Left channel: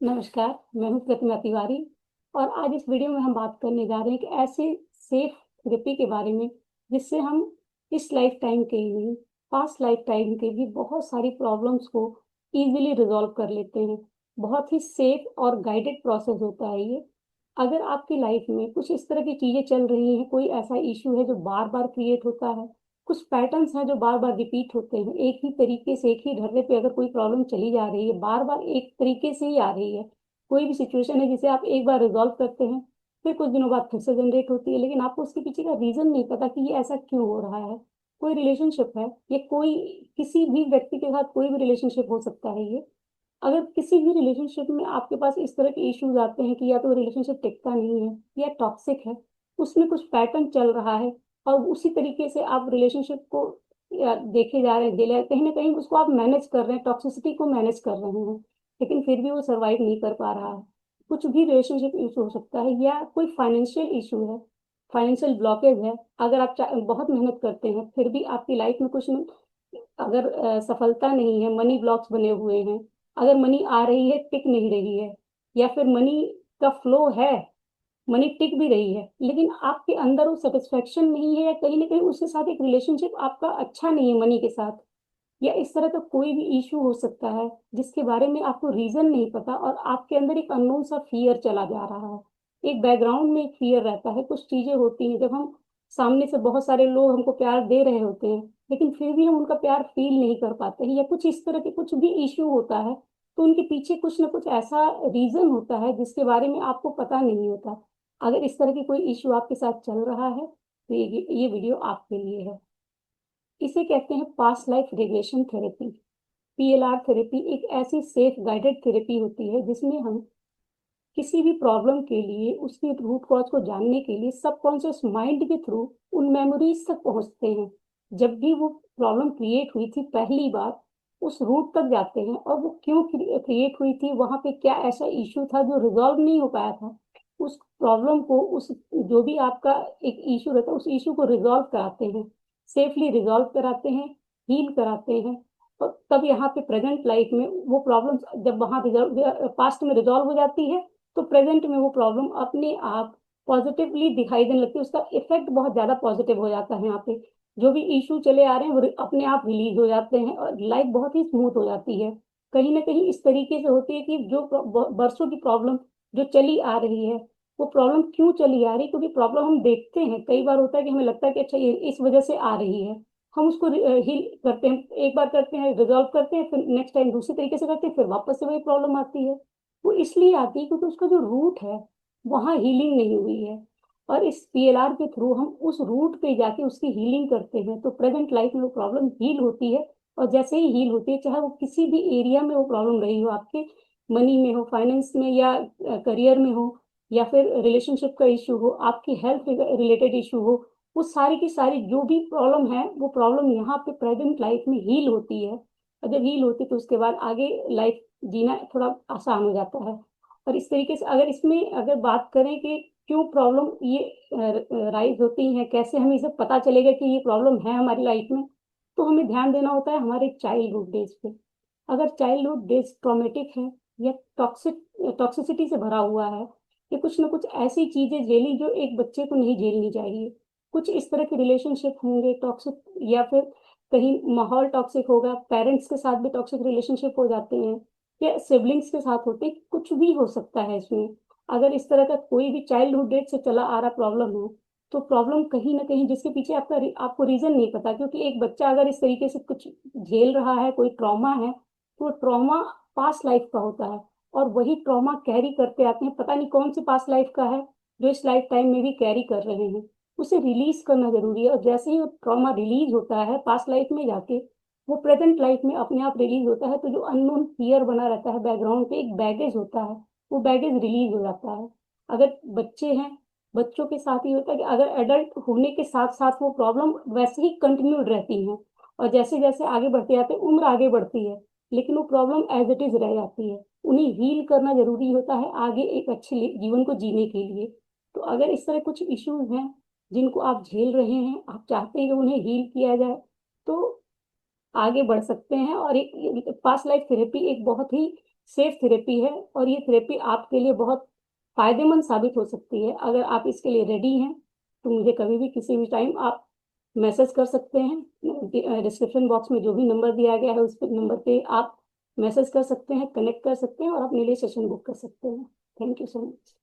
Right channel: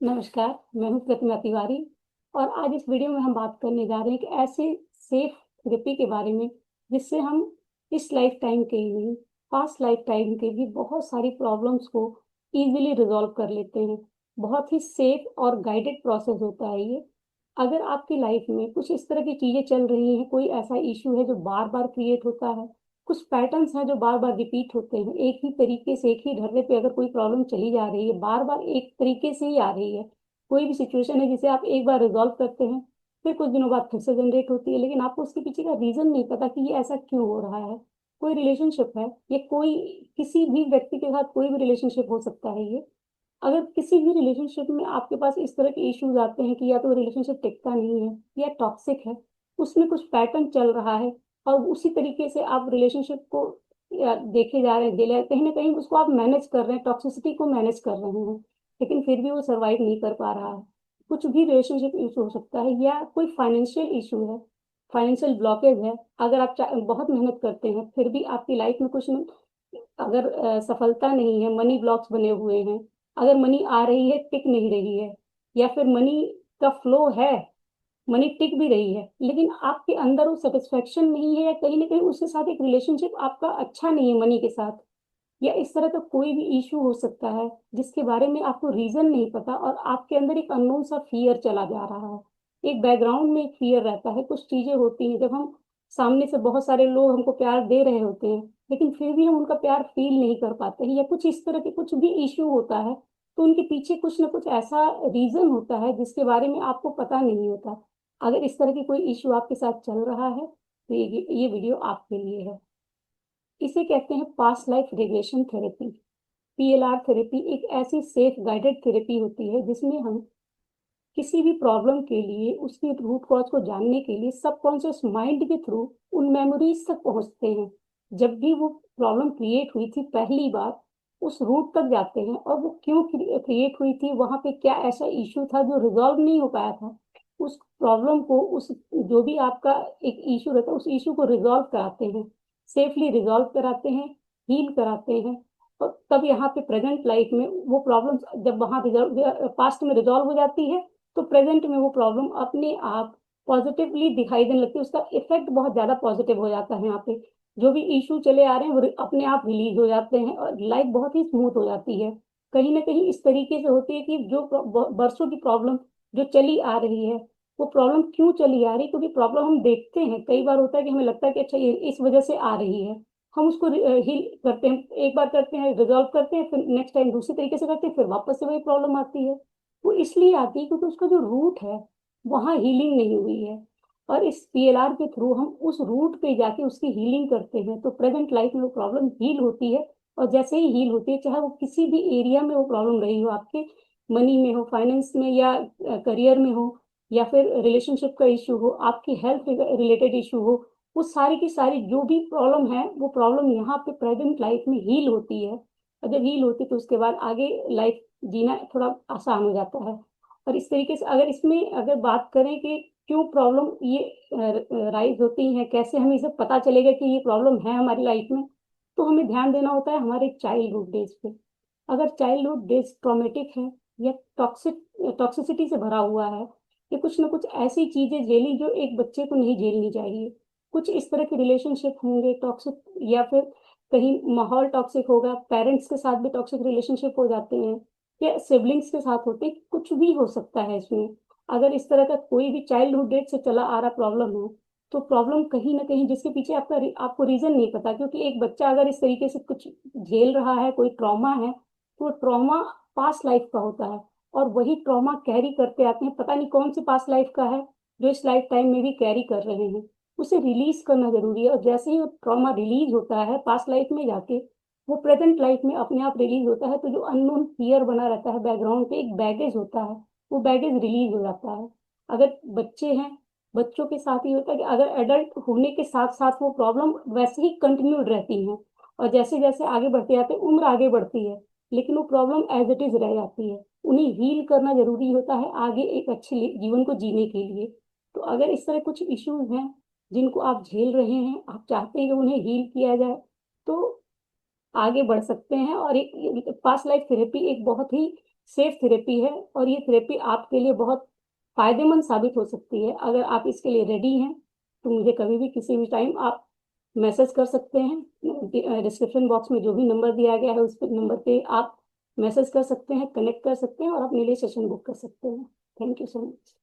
नमस्कार, मैं हूँ प्रतिमा तिवारी और आज इस वीडियो में हम बात करने जा रहे हैं कि ऐसे सेफ थेरेपी के बारे में जिससे हम इस लाइफ टाइम के ही नहीं, पास्ट लाइफ टाइम के भी बहुत सारी प्रॉब्लम्स को इजीली रिजॉल्व कर लेते हैं। बहुत ही सेफ और गाइडेड प्रोसेस होता है ये। अगर आपकी लाइफ में कुछ इस तरह की चीजें चल रही हैं, कोई ऐसा इश्यू है जो बार बार क्रिएट होता है, कुछ पैटर्न्स हैं जो बार बार रिपीट होते हैं, एक ही तरीके से एक ही ढर्रे पे अगर कोई प्रॉब्लम चली जा रही है, बार बार एक तरीके से ही आ रही है, कोई भी सिचुएशन है जिसे आप एक बार रिजॉल्व करते हैं, फिर कुछ दिनों बाद फिर से जनरेट होती है, लेकिन आपको उसके पीछे का रीजन नहीं पता कि ये ऐसा क्यों हो रहा है। कोई रिलेशनशिप है या कोई किसी भी व्यक्ति के साथ कोई भी रिलेशनशिप हो सकता है ये। अगर किसी भी रिलेशनशिप में आपके पास इस तरह के इश्यूज आते हैं कि या तो रिलेशनशिप टिकता नहीं है या टॉक्सिक है, उसमें कुछ पैटर्न चल रहा है और उसी तरीके से आप रिलेशनशिप को देखे जा रहे हैं, कहीं ना कहीं उसको आप मैनेज कर रहे हैं, टॉक्सिसिटी को मैनेज कर रहे हैं, लेकिन फिर भी वो सर्वाइव नहीं कर पा रहा है। कुछ भी रिलेशनशिप इशू हो सकता है या कोई फाइनेंशियल इशू है, फाइनेंशियल ब्लॉकेज है। अगर आप बहुत मेहनत करते हैं फिर भी आपकी लाइफ में कुछ अगर सफलता नहीं है, मनी ब्लॉक्स बने हुए हैं, अगर मनी आ रही है टिक नहीं रही है, या फिर मनी का फ्लो है, मनी टिक भी रही है लेकिन आपके अंदर वो सेटिस्फेक्शन नहीं है, या कहीं ना कहीं उसके साथ एक रिलेशनशिप आपका अच्छा नहीं है मनी के साथ, या इस तरह का कोई भी इशू हो सकता है जिसके बारे में आपको रीजन नहीं पता और आपके अंदर एक अननोन सा फियर चला जा रहा है, एक बैकग्राउंड में एक फियर रहता है। कुछ चीजें होती हैं जब हम सामने से बहुत सारे लोग हमको प्यार दे रहे होते हैं, लेकिन फिर भी हम उनका प्यार फील नहीं कर पाते हैं, या कुछ इस तरह के कुछ भी इशू होता है, तो उनके पीछे कुछ ना कुछ ऐसा रीजन होता है जिसके बारे में आपको पता नहीं होता। अगर इस तरह के कोई इशू आपके साथ चल रहा है तो ये वीडियो आपके लिए है। इसे कहते हैं past life regression therapy. PLR therapy एक ऐसी सेफ गाइडेड थेरेपी होती है जिसमें हम किसी भी प्रॉब्लम के लिए उसके रूट कॉज को जानने के लिए सबकॉन्शियस माइंड के थ्रू उन मेमोरीज तक पहुंचते हैं। जब भी वो प्रॉब्लम क्रिएट हुई थी पहली बार, उस रूट तक जाते हैं और वो क्यों क्रिएट हुई थी, वहां पे क्या ऐसा इश्यू था जो रिजॉल्व नहीं हो पाया था, उस प्रॉब्लम को, उस जो भी आपका एक इश्यू रहता है उस इश्यू को रिजॉल्व कराते हैं, सेफली रिजॉल्व कराते हैं, हील कराते हैं। और तब यहाँ पे प्रेजेंट लाइफ में वो प्रॉब्लम जब वहाँ रिजॉल्व पास्ट में रिजॉल्व हो जाती है, तो प्रेजेंट में वो प्रॉब्लम अपने आप पॉजिटिवली दिखाई देने लगती है, उसका इफेक्ट बहुत ज्यादा पॉजिटिव हो जाता है। यहाँ पे जो भी इशू चले आ रहे हैं वो अपने आप रिलीज हो जाते हैं और लाइफ बहुत ही स्मूथ हो जाती है। कहीं ना कहीं इस तरीके से होती है कि जो बरसों की प्रॉब्लम जो चली आ रही है, वो प्रॉब्लम क्यों चली आ रही है, क्योंकि प्रॉब्लम हम देखते हैं, कई बार होता है कि हमें लगता है कि अच्छा ये इस वजह से आ रही है, हम उसको हील करते हैं, एक बार करते हैं रिजॉल्व करते हैं, फिर नेक्स्ट टाइम दूसरी तरीके से करते हैं, फिर वापस से वही प्रॉब्लम आती है। तो इसलिए आती है क्योंकि उसका जो रूट है वहाँ हीलिंग नहीं हुई है, और इस पीएलआर के थ्रू हम उस रूट पे जाके उसकी हीलिंग करते हैं, तो प्रेजेंट लाइफ में वो प्रॉब्लम हील होती है। और जैसे ही हील होती है, चाहे वो किसी भी एरिया में वो प्रॉब्लम रही हो, आपके मनी में हो, फाइनेंस में, या करियर में हो, या फिर रिलेशनशिप का इशू हो, आपकी हेल्थ रिलेटेड इशू हो, वो सारी की सारी जो भी प्रॉब्लम है वो प्रॉब्लम यहाँ पे प्रेजेंट लाइफ में हील होती है। और जब हील होती है तो उसके बाद आगे लाइफ जीना थोड़ा आसान हो जाता है। और इस तरीके से अगर इसमें अगर बात करें कि क्यों प्रॉब्लम ये राइज होती हैं, कैसे हमें इसे पता चलेगा कि ये प्रॉब्लम है हमारी लाइफ में, तो हमें ध्यान देना होता है हमारे चाइल्डहुड डेज पे। अगर चाइल्डहुड डेज ट्रॉमेटिक है या टॉक्सिसिटी से भरा हुआ है, कि कुछ ना कुछ ऐसी चीजें झेली जो एक बच्चे को नहीं झेलनी चाहिए, कुछ इस तरह के रिलेशनशिप होंगे टॉक्सिक, या फिर कहीं माहौल टॉक्सिक होगा, पेरेंट्स के साथ भी टॉक्सिक रिलेशनशिप हो जाते हैं, या सिबलिंग्स के साथ होते हैं, कुछ भी हो सकता है इसमें। अगर इस तरह का कोई भी चाइल्डहुड डेट से चला आ रहा प्रॉब्लम है, तो प्रॉब्लम कहीं ना कहीं जिसके पीछे आपको रीजन नहीं पता, क्योंकि एक बच्चा अगर इस तरीके से कुछ झेल रहा है, कोई ट्रॉमा है, तो ट्रॉमा पास्ट लाइफ का होता है, और वही ट्रॉमा कैरी करते आते हैं, पता नहीं कौन सी पास्ट लाइफ का है जो इस लाइफ टाइम में भी कैरी कर रहे हैं। उसे रिलीज करना जरूरी है, और जैसे ही ट्रॉमा रिलीज होता है पास्ट लाइफ में जाके, वो प्रेजेंट लाइफ में अपने आप रिलीज होता है, तो जो अननोन फियर बना रहता है बैकग्राउंड पे, एक बैगेज होता है, वो बैगेज रिलीज हो जाता है। अगर बच्चे हैं, बच्चों के साथ ही होता है कि अगर एडल्ट होने के साथ साथ वो प्रॉब्लम वैसे ही कंटिन्यूड रहती है, और जैसे जैसे आगे बढ़ते जाते हैं, उम्र आगे बढ़ती है, लेकिन वो प्रॉब्लम एज इट इज रह जाती है। उन्हें हील करना जरूरी होता है आगे एक अच्छे जीवन को जीने के लिए। तो अगर इस तरह कुछ इश्यूज हैं जिनको आप झेल रहे हैं, आप चाहते हैं कि उन्हें हील किया जाए, तो आगे बढ़ सकते हैं। और एक पास्ट लाइफ थेरेपी एक बहुत ही सेफ थेरेपी है और ये थेरेपी आपके लिए बहुत फायदेमंद साबित हो सकती है। अगर आप इसके लिए रेडी हैं तो मुझे कभी भी किसी भी टाइम आप मैसेज कर सकते हैं। डिस्क्रिप्शन बॉक्स में जो भी नंबर दिया गया है उस नंबर पे आप मैसेज कर सकते हैं, कनेक्ट कर सकते हैं और अपने लिए सेशन बुक कर सकते हैं। Thank you so much.